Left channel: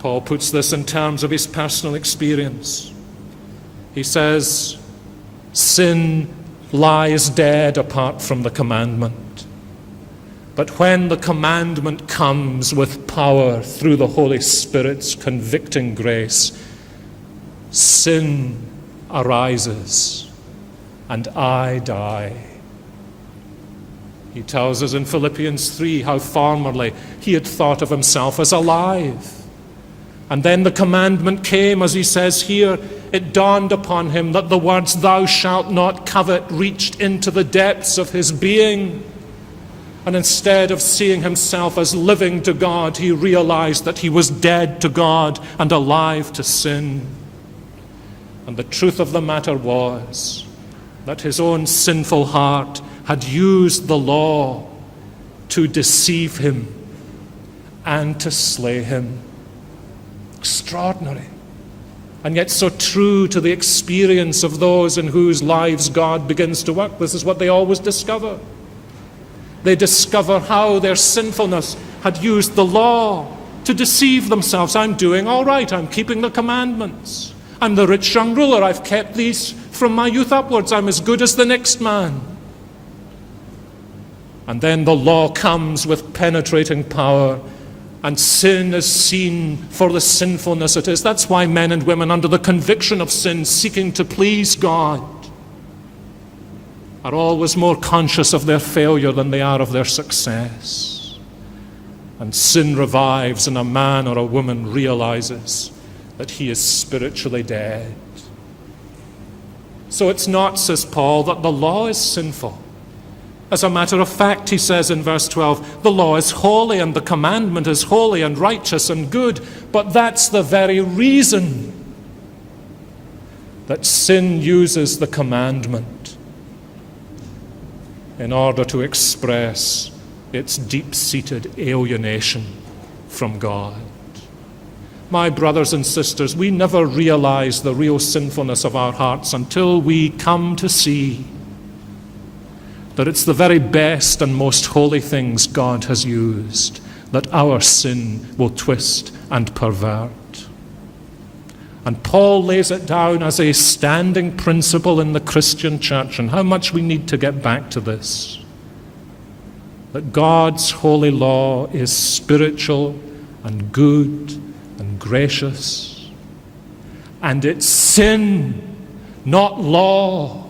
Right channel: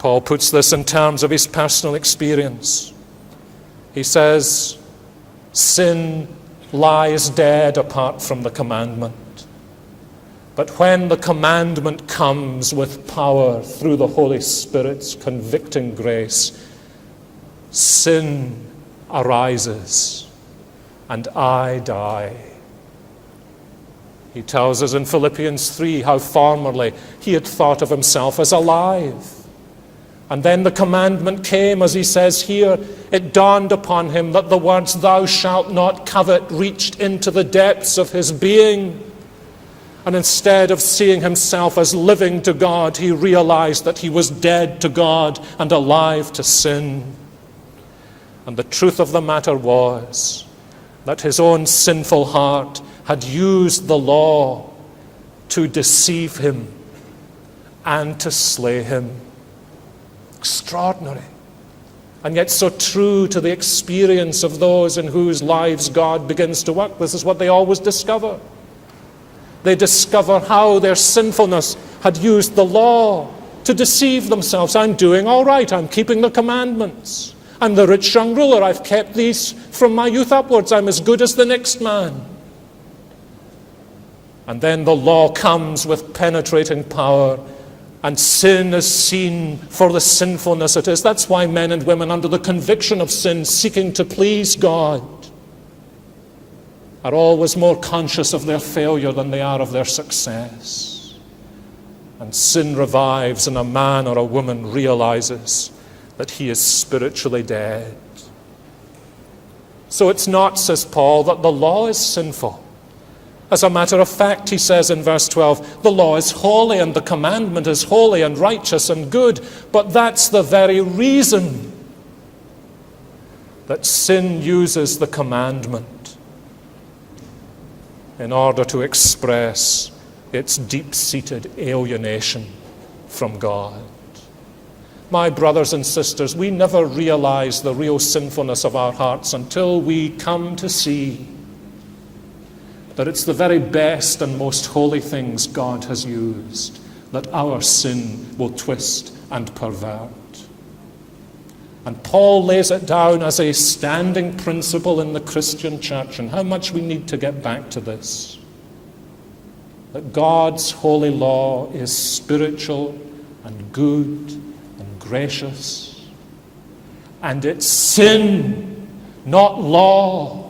Paul puts this in terms of his personal experience. He says, sin lies dead apart from the commandment. But when the commandment comes with power through the Holy Spirit's convicting grace, sin arises and I die. He tells us in Philippians 3 how formerly he had thought of himself as alive. And then the commandment came, as he says here. It dawned upon him that the words, "Thou shalt not covet," reached into the depths of his being. And instead of seeing himself as living to God, he realized that he was dead to God and alive to sin. And the truth of the matter was that his own sinful heart had used the law to deceive him and to slay him. Extraordinary. And yet so true to the experience of those in whose lives God begins to work. This is what they always discover. They discover how their sinfulness had used the law to deceive themselves. I'm doing all right. I'm keeping the commandments. I'm the rich young ruler. I've kept these from my youth upwards. I'm as good as the next man. And then the law comes with penetrating power, and sin is seen for the sinfulness it is. That's why men and women under the conviction of sin, seeking to please God, are always more conscious of their failure than they are of their success. And sin revives, and a man or a woman realizes that he is spiritually dead. So it's not, says Paul, that the law is sinful. As a matter of fact, he says in verse 12, the law is holy and the commandment is holy and righteous and good. But that's the very reason that sin uses the commandment in order to express its deep-seated alienation from God. My brothers and sisters, we never realize the real sinfulness of our hearts until we come to see that it's the very best and most holy things God has used that our sin will twist and pervert. And Paul lays it down as a standing principle in the Christian church, and how much we need to get back to this. That God's holy law is spiritual and good and gracious, and it's sin, not law,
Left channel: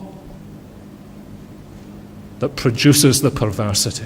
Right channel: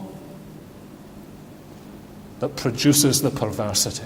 that produces the perversity.